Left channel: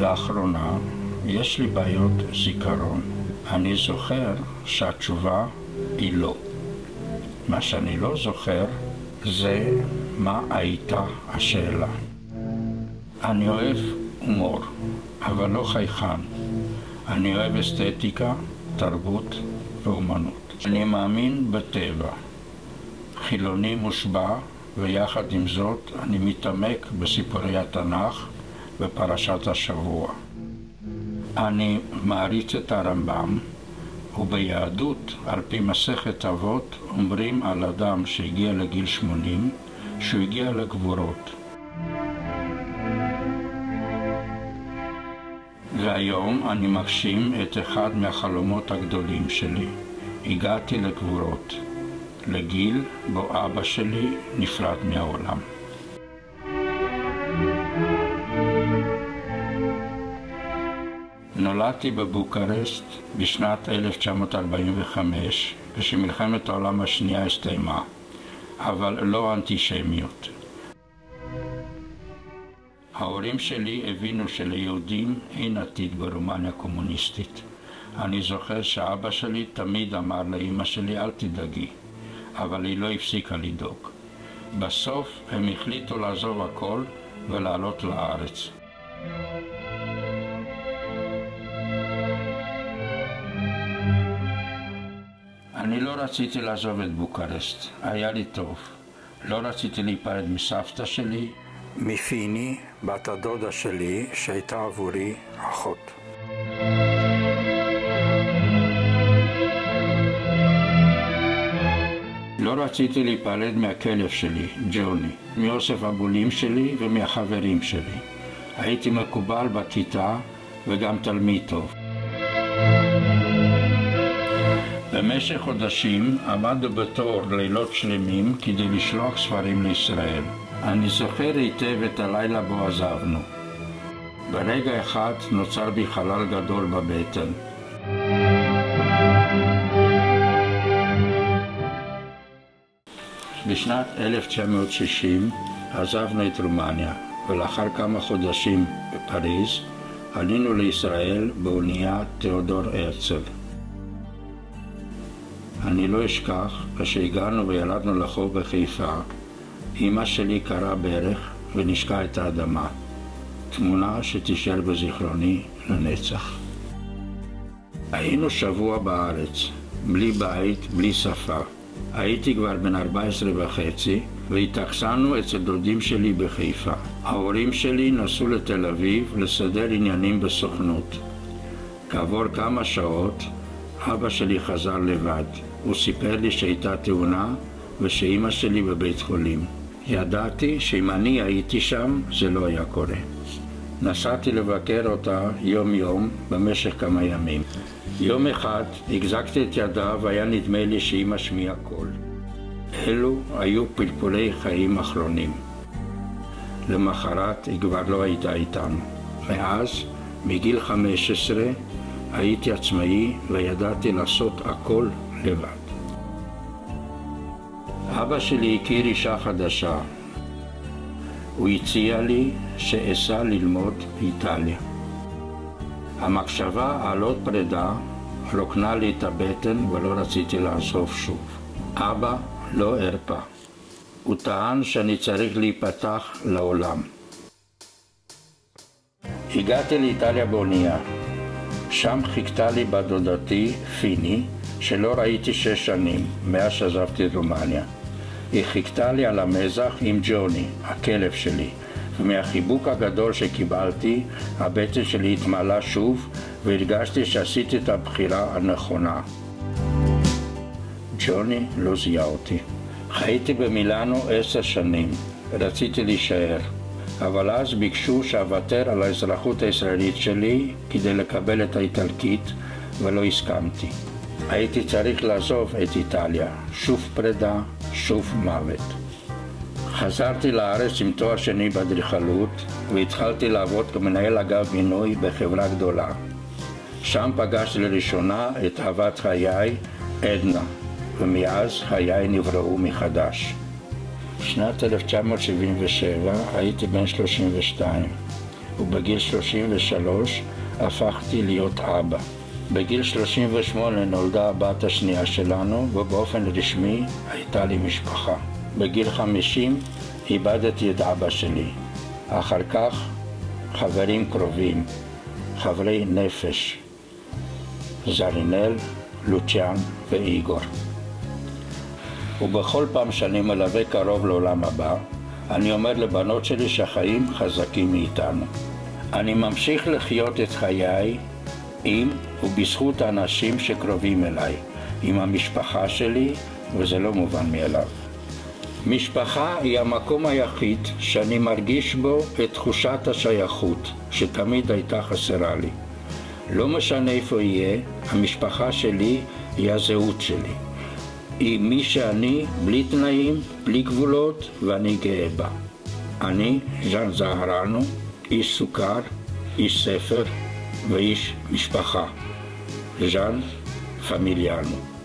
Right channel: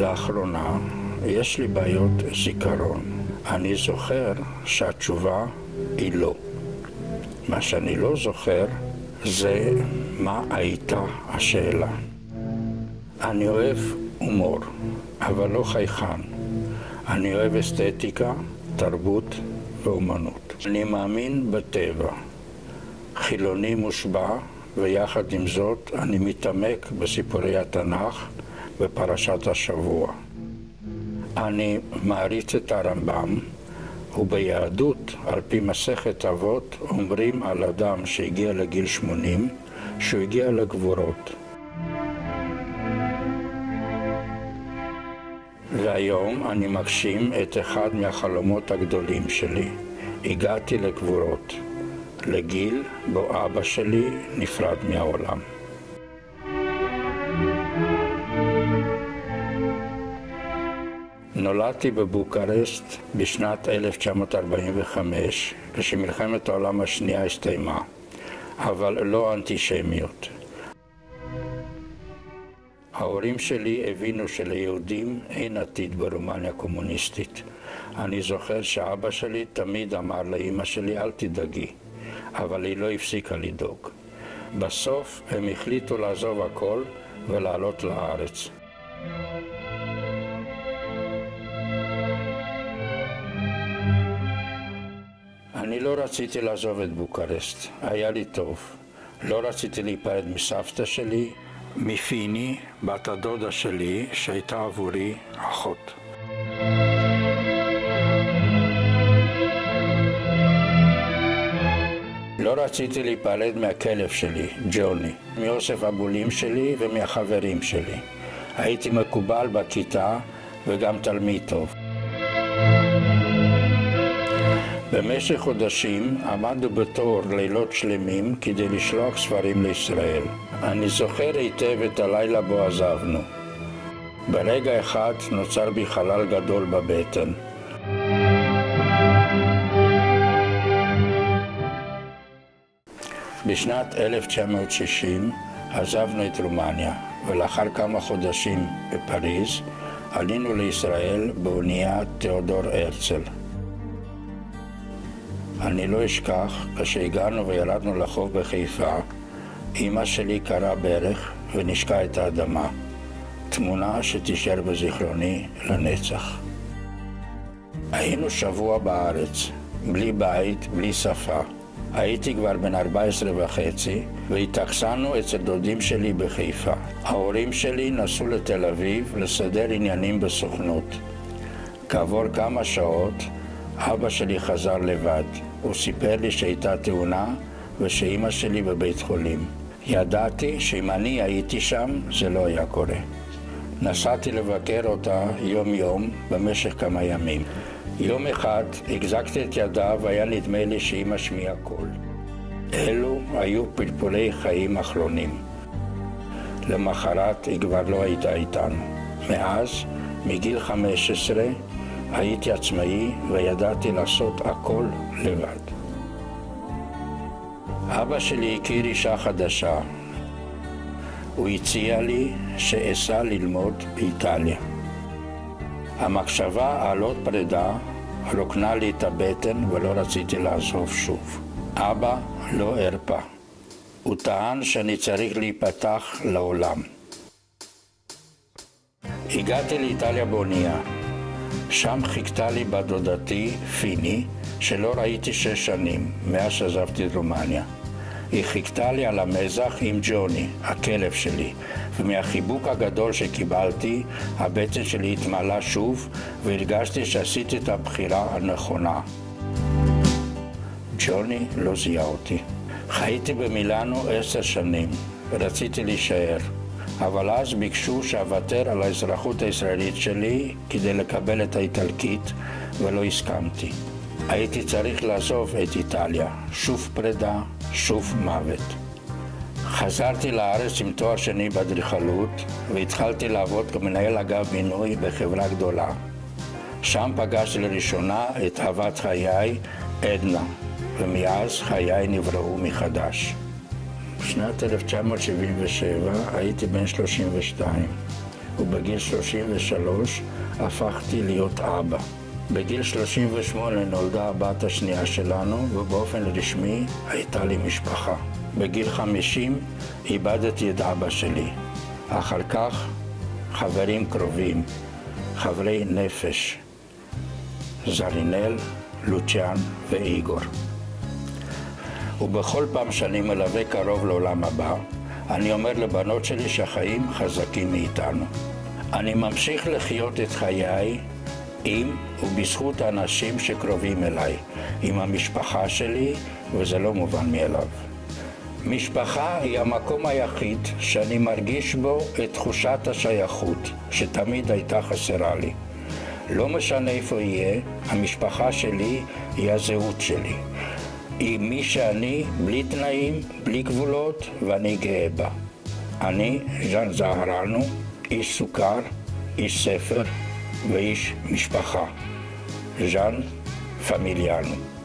לאחרונה יש לי בעיות זיכרון. אני זוכר שהתשובה היא לא. מה שאני לא זוכר זה מה הייתה השאלה. אני אוהב הומור, אבל לא חייכן. אני אוהב אסתטיקה, תרבות ואומנות. אני מאמין בטבע. חילוני מושבע, ויחד עם זאת אני מתעמק בסיפורי התנ"ך בפרשת השבוע. אני מעריץ את הרמב"ם, וביהדות, על פי מסכת אבות, אומרים על אדם שהגיע לגיל 80, שהוא הגיע לגבורות. והיום אני מגשים את אחד מהחלומות הגדולים שלי. הגעתי לגבורות, לגיל בו אבא שלי נפרד מהעולם. נולדתי בבוקרשט בשנת 1945, כשמלחמת העולם השנייה הסתיימה, אבל לא אנטישמיות. ההורים שלי הבינו שליהודים אין עתיד ברומניה קומוניסטית. אני זוכר שאבא שלי תמיד אמר לאמא שלי אל תדאגי, אבל היא לא הפסיקה לדאוג. בסוף הם החליטו לעזוב הכל ולעלות לארץ. אני לא רציתי לעזוב את בוקרשט, היה לי טוב. לא רציתי להיפרד מסבתא שלי, מפיני, בת הדודה שלי, שהייתה עבורי אחות. לא רציתי להיפרד מהכלב שלי, ג'וני, מאוסף הבולים שלי ומהחברים שלי. הייתי מקובל בכיתה וגם תלמיד טוב. במשך חודשים עמדנו בתור לילות שלמים כדי לשלוח ספרים לישראל. אני זוכר היטב את הלילה בו עזבנו. ברגע אחד נוצר בי חלל גדול בבטן. בשנת 1960 עזבנו את רומניה, ולאחר כמה חודשים בפריז עלינו לישראל באונייה תיאודור הרצל. אני לא אשכח, כשהגענו וירדנו לחוף בחיפה, אמא שלי קראה ברך ונשקה את האדמה. תמונה שתישאר בזיכרוני לנצח. היינו שבוע בארץ, בלי בית, בלי שפה. הייתי כבר בן 14 וחצי, והתאכסנו אצל דודים שלי בחיפה. ההורים שלי נסעו לתל אביב לסדר עניינים בסוכנות. כעבור כמה שעות, אבא שלי חזר לבד. הוא סיפר לי שהייתה תאונה ושאמא שלי בבית חולים. ידעתי שאם אני הייתי שם, זה לא היה קורה. נסעתי לבקר אותה יום-יום במשך כמה ימים. יום אחד החזקתי את ידה והיה נדמה לי שהיא משמיעה קול. אלו היו פלפולי חיים אחרונים. למחרת היא כבר לא הייתה איתנו. מאז, מגיל 15, הייתי עצמאי וידעתי לעשות הכל לבד. אבא שלי הכיר אישה חדשה. הוא הציע לי שאסע ללמוד באיטליה. המחשבה על עוד פרידה רוקנה לי את הבטן ולא רציתי לעזוב שוב. אבא לא הרפה. הוא טען שאני צריך להיפתח לעולם. הגעתי לאיטליה באונייה. שם חיכתה לי בת דודתי, פיני, שלא ראיתי 6 שנים, מאז שעזבתי את רומניה. היא חיכתה לי על המזח עם ג'וני, הכלב שלי, ומהחיבוק הגדול שקיבלתי, הבטן שלי התמלא שוב, והרגשתי שעשיתי את הבחירה הנכונה. ג'וני לא זיהה אותי. חייתי במילאנו 10 שנים, ורציתי להישאר. אבל אז ביקשו שאוותר על האזרחות הישראלית שלי כדי לקבל את האיטלקית, ולא הסכמתי. הייתי צריך לעזוב את איטליה, שוב פרידה, שוב מוות. חזרתי לארץ עם תואר שני באדריכלות, והתחלתי לעבוד כמנהל אגף בינוי בחברה גדולה. שם פגשתי לראשונה את אהבת חיי, עדנה, ומאז חיי נבראו מחדש. בשנת 1977 הייתי בן 32. ובגיל 33 הפכתי להיות אבא. בגיל 38 נולדה הבת השנייה שלנו, ובאופן רשמי הייתה לי משפחה. בגיל 50 איבדתי את אבא שלי. אחר כך חברים קרובים, חברי נפש, זרינל, לוציאן ואיגור. ובכל פעם שאני מלווה קרוב לעולם הבא, אני אומר לבנות שלי שהחיים חזקים מאיתנו. אני ממשיך לחיות את חיי עם ובזכות האנשים שקרובים אליי, עם המשפחה שלי, וזה לא מובן מאליו. משפחה היא המקום היחיד שאני מרגיש בו את תחושת השייכות שתמיד הייתה חסרה לי. לא משנה איפה יהיה, המשפחה שלי היא הזהות שלי. היא מי שאני, בלי תנאים, בלי גבולות, ואני גאה בה. אני, ז'אן זהרנו, איש סוכר, איש ספר ואיש משפחה. ז'אן פמיליאנו.